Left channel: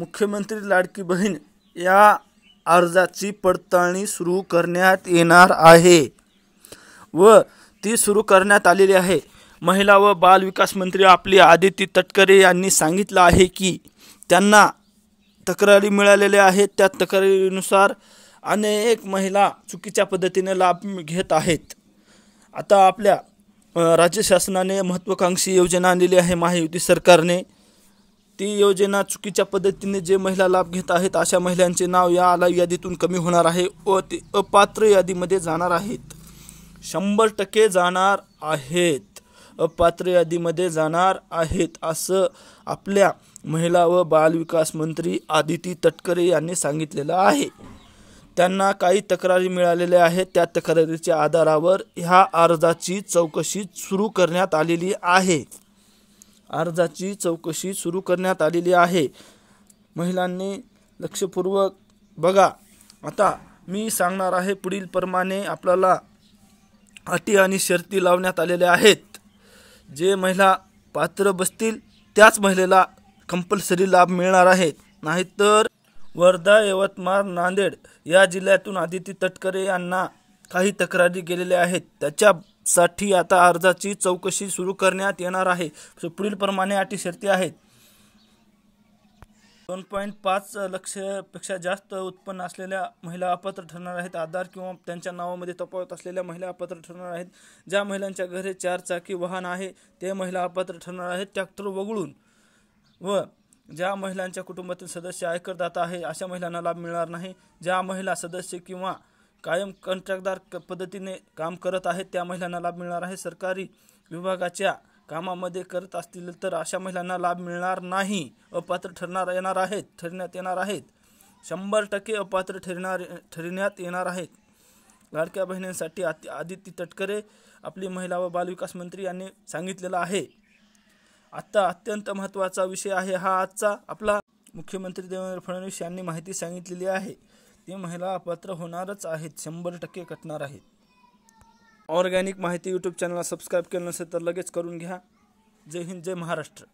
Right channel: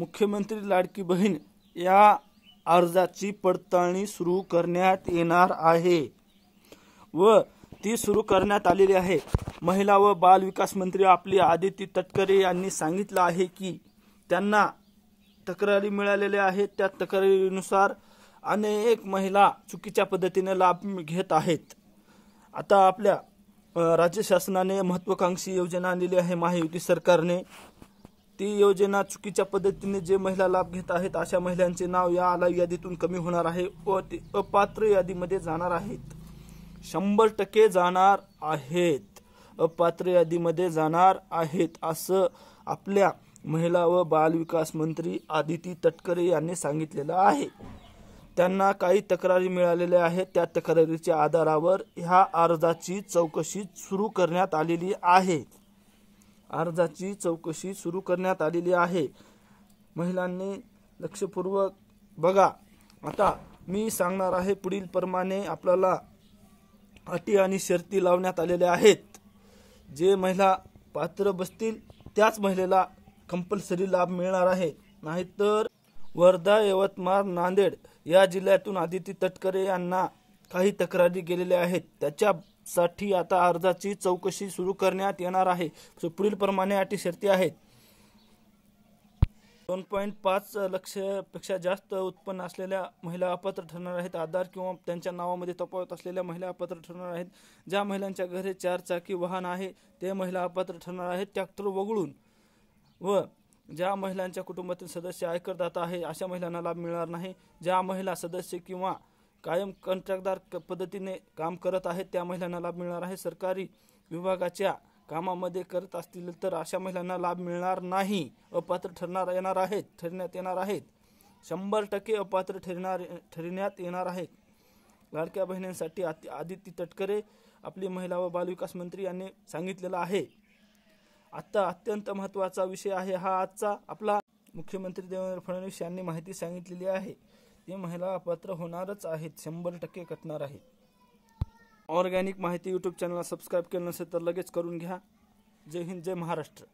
मुख्यमंत्री लाडकी बहीण या अर्जाची पडताळणी सुरू करण्यात येणार आहे व ती सुरू करण्यात आलेली आहे। महिला व बाल विकास मंत्री आपली आदिती तटकरे यांनी सांगितलं आहे की त्यांना तक्रारी मिळालेल्या आहेत। त्या तक्रारीनुसार अनेक महिला चुकीच्या पद्धतीने लाभ घेत आहेत। आता आपल्या राज्य शासनाने महत्त्वाकांक्षी योजना आणलेली आहे महायुती सरकारने। ती योजना चुकीच्या पद्धतीने जे महिला लाभ घेत आहेत अशा महिलांचे नाव या लाईव्ह यादीतून कमी होणार आहे व ते अपात्र यादीमध्ये जाणार आहेत। 100% जाणार आहेत, अपात्र यादीमध्ये जाणार आहेत असं आपल्या महिला व बाल विकास मंत्री आदिती तटकरे यांनी सांगितलेलं आहे। त्यांना काही तक्रारी मिळालेल्या आहेत। त्या तक्रारीच्या आधारावर ह्या अर्जाची चौकशी सुरू करण्यात आलेली आहे। अर्जाची चौकशी सुरू करण्यात आलेली आहे। महिलांनी लक्षपूर्वक बघा। आता मी सांगणार आहे पुढील प्रमाणे आपल्याला अटी आणि शर्ती लावण्यात आलेल्या आहेत। जे महिला पात्र बसतील त्याच महिलेला कंपल्सरी लाभ मिळणार आहे। नाहीतर वर्धा, यवतमाळ, नांदेड या जिल्ह्यातून आदिती तटकरे यांना काही तक्रारी गेलेल्या आहेत। त्याच्यासाठी आता अर्जाची चौकशी सुरू करण्यात येणार आहे। पुढील प्रमाणे अटी शर्ती आहेत। 2.5 लाखापेक्षा जास्त उत्पन्न असलेल्या महिला अपात्र ठरणार आहेत। आधार किंवा त्यांच्या नावामध्ये तफावत असलेल्या महिला अपात्र ठरणार आहेत। ज्या महिलांच्या घरी 4 चाकी वाहन आहे ते महिला अपात्र ठरणार आहेत ट्रॅक्टर वगळून। व ज्या महिलांच्या कुटुंबातील सदस्य आयकरदाता आहे अशा महिलांना लाभ मिळणार नाही। ज्या महिला सदस्य किंवा कायम कंत्राटदार पद्धतीने काम करत आहेत त्या महिलांना लाभ मिळणार आहे। सरकारी विभागाच्या कामामध्ये करत असतील तर अशा महिलांना लाभ मिळणार नाही, अपात्र ठरण्यात येणार आहेत। 100% अपात्र ठरण्यात येणार आहेत। लाडक्या बहिणींसाठी आदिती तटकरे आपली महिला व बाल विकास मंत्री यांनी सांगितलेलं आहे। आता अत्यंत महत्त्वाचा विषय आहे हा आजचा आपला। मुख्यमंत्री देवेंद्र फडणवीस यांनी माहिती सांगितलेली आहे ती महिला अपात्र होणारच आहेत, 100% कटणार आहेत। ऑर्गॅनिक माहिती यूट्यूब चॅनलला सबस्क्राईब केलं नसेल तर लगेच करून घ्या। जय हिंद, जय महाराष्ट्र।